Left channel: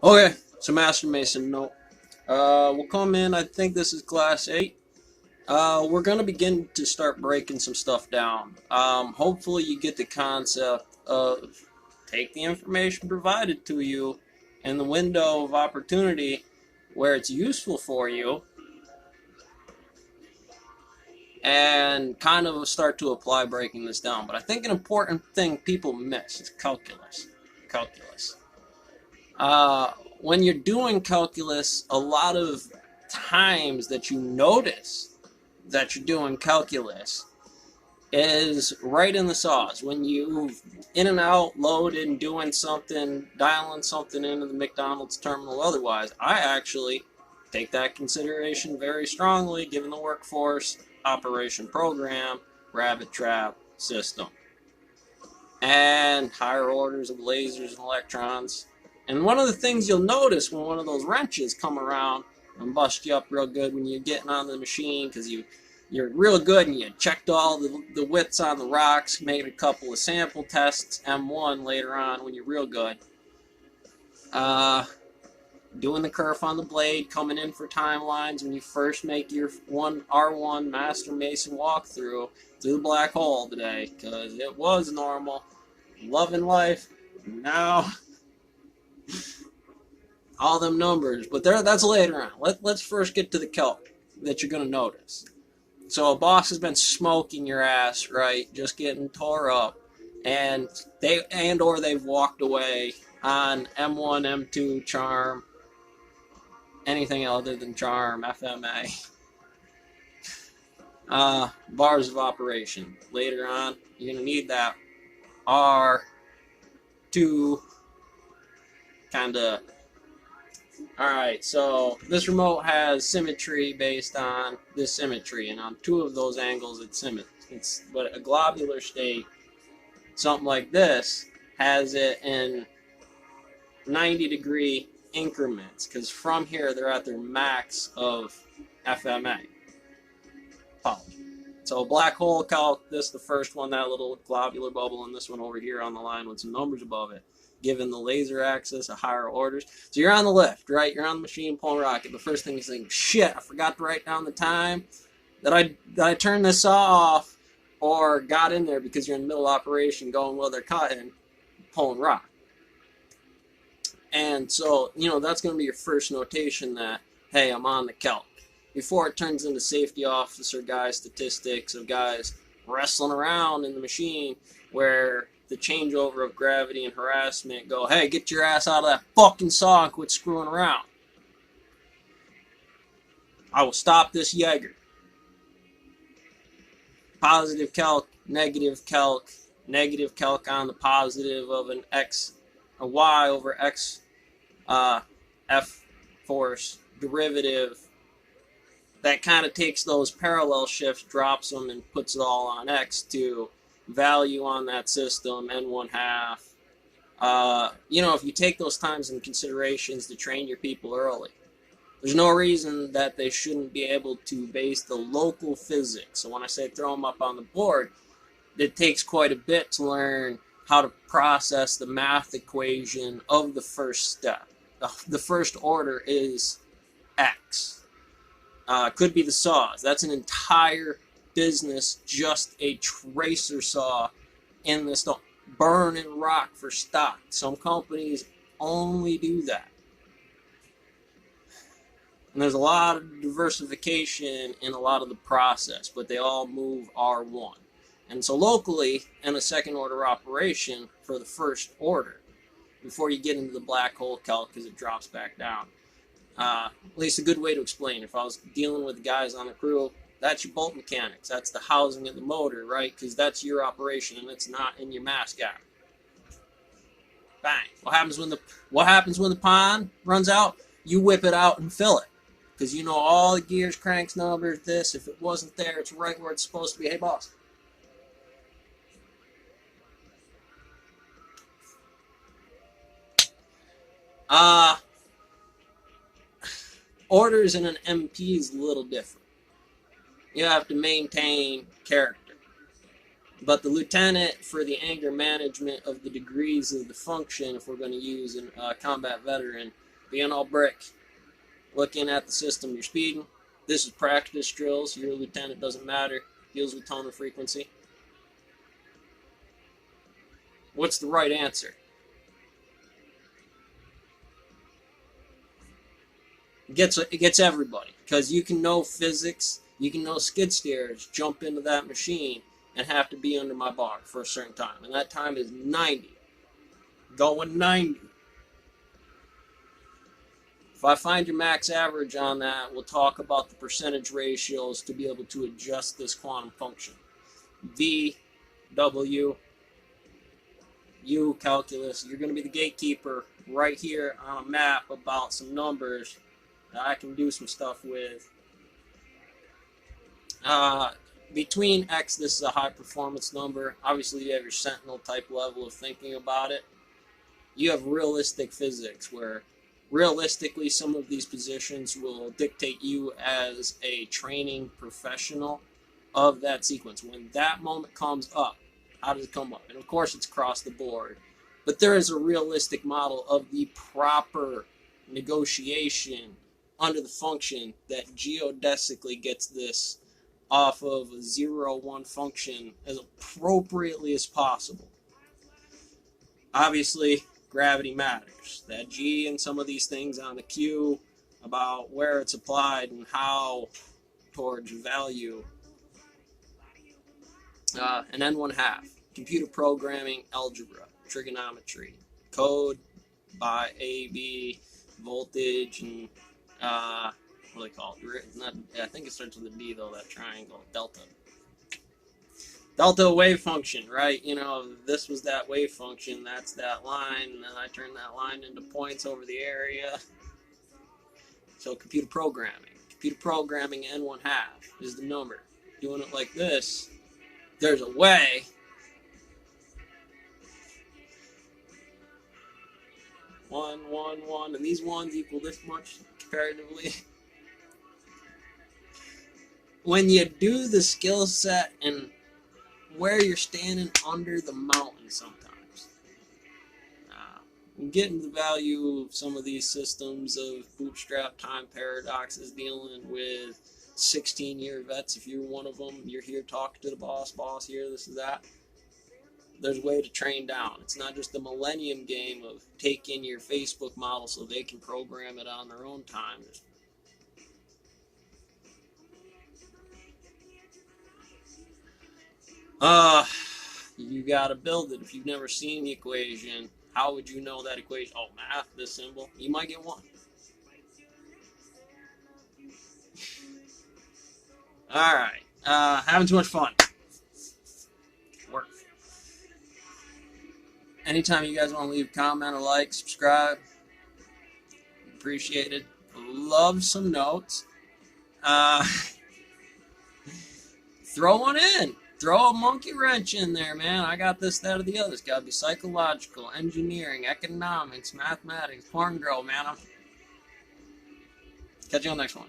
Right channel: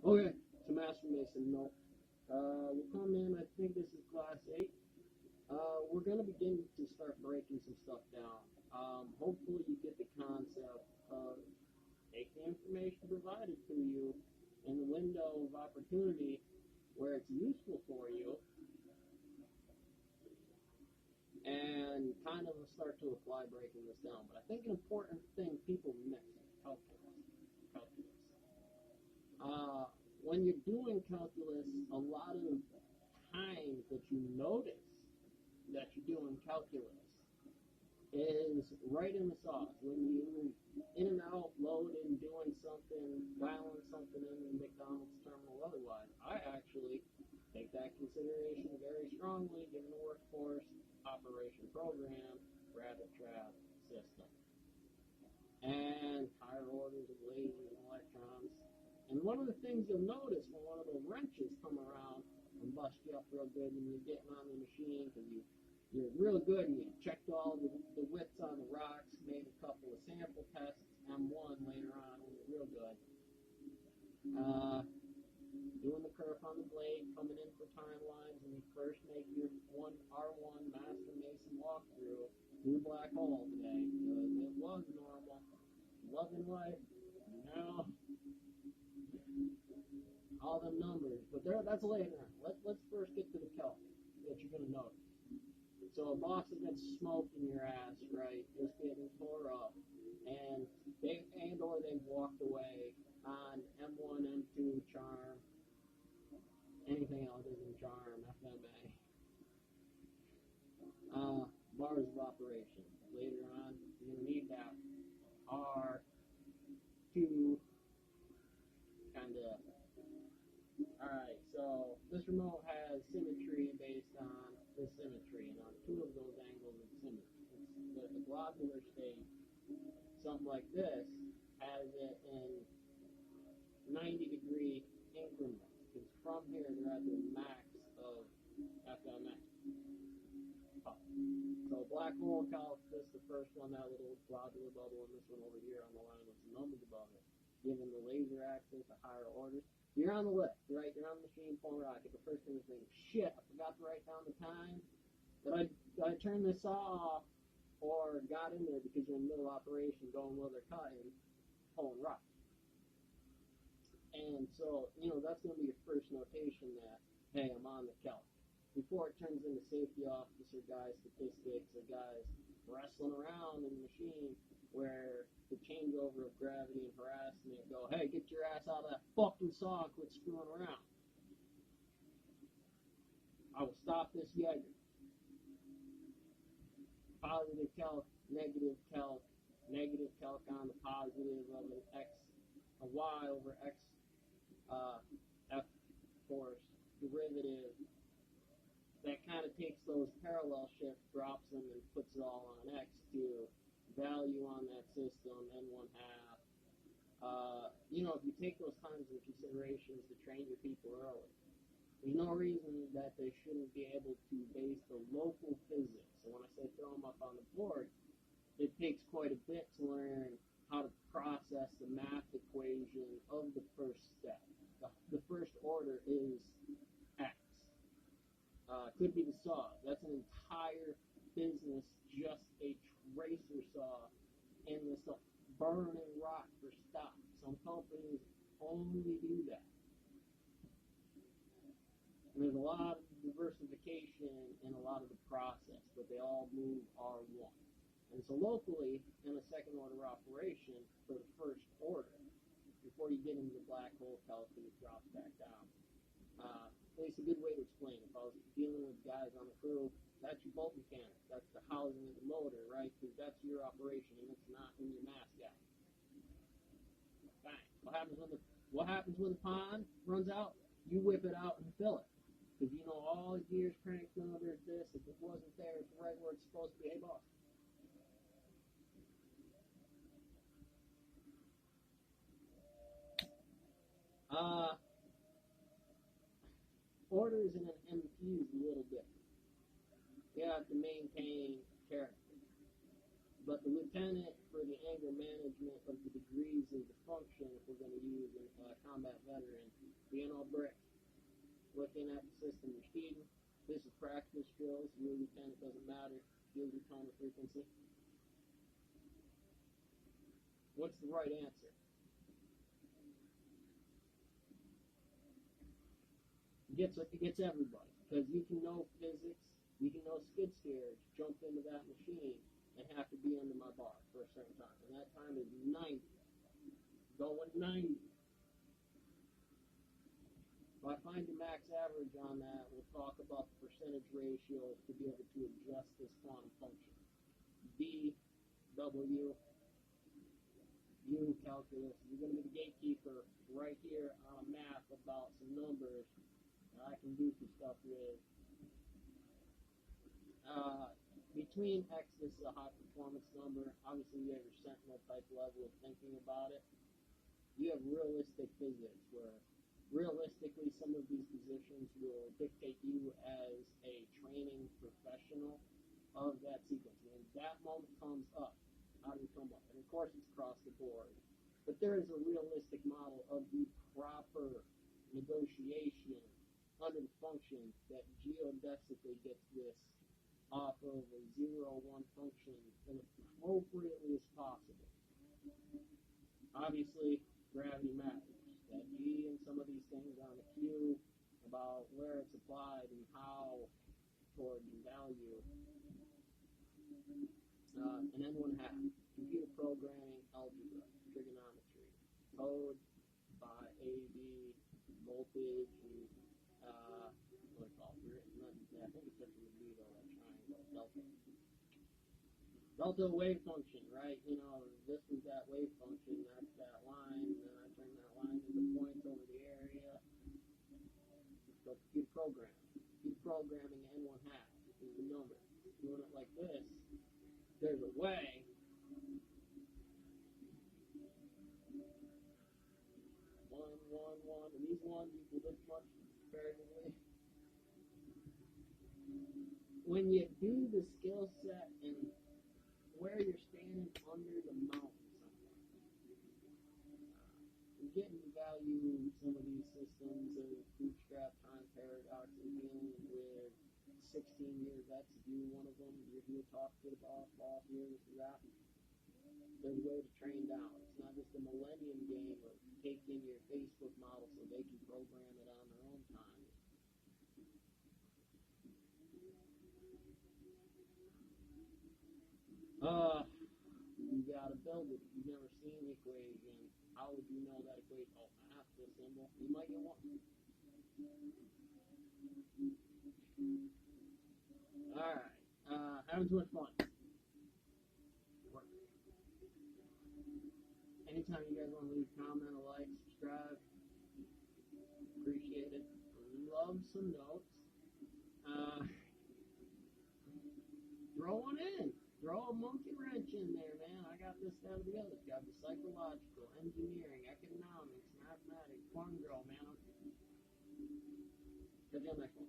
Okay, so Master Mason, no. We'll come in, I think this is class 8. We're gonna begin to start breaking some stuff down. Hopefully you get the concept of take the information provided to you in the window of opportunity where it's useful for you and kind of start to apply breaking this down. But I think an important thing people miss is calculus. Calculus. Uh, when you're doing calculus, a lot of times that you notice that you're doing calculus is right in the sauce when you in and out loading doing something dialing something into the McDonald's terminal. Otherwise, I actually take that consideration very strongly given the workforce operation program rabbit trap system and higher orders of lasers and electrons. And one of the things you'll notice when one of those wrenches come around and bust you up real good when you're getting on the machine because you're real good and you checked all the widths on the rocks, made a couple of sample tests, M1 later on when you're real good. Uh, Doing the kerf on the blade, coming in for timelines when you first make your R1 Master Mason walkthrough through the black hole today because it was normal. Loving life. Now, all them numbers, but that's later on. Let's first get to the kelp that you're going to notice. So a boss has been smoking your ass, right? Just getting tore up, and or they've walked away on M1, M2, Charm, anything other than Charm, FMA. Bars of operation. Later on, you're going to need that R2 kind of. Alright, so this remote has symmetry based on this symmetry, and on two of those angles it's symmetry. But a globular state, something like this, has it in 90-degree increments, because from here they're at their max of FMA. So black hole calc, this the first one, that little globular bubble, and this one over here on the line with some numbers above it, given the laser axis of higher orders. So you're on the lift, right? You're on the machine pulling rocket. The first thing you think, shit, I forgot to write down the time that I turned this saw off or got in there because you're in the middle of operation going while they're cutting, pulling rock. And so, that's going to be your first notation that, hey, I'm on the calc. Before it turns into safety officer guy statistics of guys wrestling around in the machine where the changeover of gravity and harassment go, hey, get your ass out of that fucking saw and quit screwing around. I will stop this Jaeger. Positive calc, negative calc on the positive of an X, a Y over X F force derivative that kind of takes those parallel shifts, drops them, and puts it all on X to value on that system, N1 half. If you take those times in considerations to train your people early, there's no reason that they shouldn't be able to base the local physics. So when I say throw them up on the board, it takes quite a bit to learn how to process the math equation of the first step. The first order is X. Could be the saws. That's an entire business, just a tracer saw in this. Don't burn and rock for stock. Some companies only do that. And there's a lot of diversification in a lot of the process, but they all move R1. And so locally, in a second order operation for the first order, before you get into the black hole calc, because it drops back down, at least a good way to explain. If I was dealing with guys on the crew, that's your bolt mechanics. That's the housing of the motor, right? Because that's your operation, and it's not in your mass gap. Bang. What happens when the pond runs out? You whip it out and fill it, because you know all the gears, cranks, numbers. This, if it wasn't there, it's right where it's supposed to be. Hey, boss. Uh Orders in an MP is a little different. You have to maintain character. But the lieutenant, for the anger management of the degrees of the function, if we're going to use a combat veteran, being all brick, looking at the system you're speeding. This is practice drills. You're a lieutenant, doesn't matter. Deals with tone and frequency. What's the right answer? It gets everybody, because you can know physics, you can know skid steers, jump into that machine, and have to be under my bar for a certain time, and that time is 90. Going 90. If I find your max average on that, we'll talk about the percentage ratios to be able to adjust this quantum function. V, W, U, calculus. You're going to be the gatekeeper right here on a map about some numbers that I can do some stuff with. Between X, this is a high performance number. Obviously, you have your Sentinel type level of thinking about it. You have realistic physics, where realistically some of these positions will dictate you as a training professional of that sequence. When that moment comes up, how does it come up? And of course, it's across the board. But there is a realistic model of the proper negotiation under the function that geodesically gets this off of a 0-1 function as appropriately as possible. Obviously, gravity matters. That G and some of these things on the Q about where it's applied and how towards value. And then 1/2. Computer programming, algebra, trigonometry, code by AB, voltage, and what do they call it? Not, I think it starts with a D though, that triangle, delta. Delta wave function, right? You know, this was that wave function, that's that line, and then I turn that line into points over the area. So computer programming. Computer programming N1/2 is the number. Doing it like this, there's a way. One, one, one, and these ones equal this much comparatively. When you do the skill set and where you're standing under the mountain sometimes, getting the value of some of these systems of bootstrap time paradoxes, dealing with 16-year vets. If you're one of them, you're here talking to the boss here, this is that. There's a way to train down. It's not just the millennium game of taking your Facebook model so they can program it on their own time. You gotta build it. If you've never seen the equation, how would you know that equation? Oh, math, this symbol. You might get one. Alright. Having too much fun. Work. Anytime you guys want to leave a comment or like, subscribe, appreciate it. Love some notes. Throw one in. Throw a monkey wrench in there, man. I got this, that, or the other. It's got to be psychological, engineering, economics, mathematics, porn girl, man. Catch you on the next one.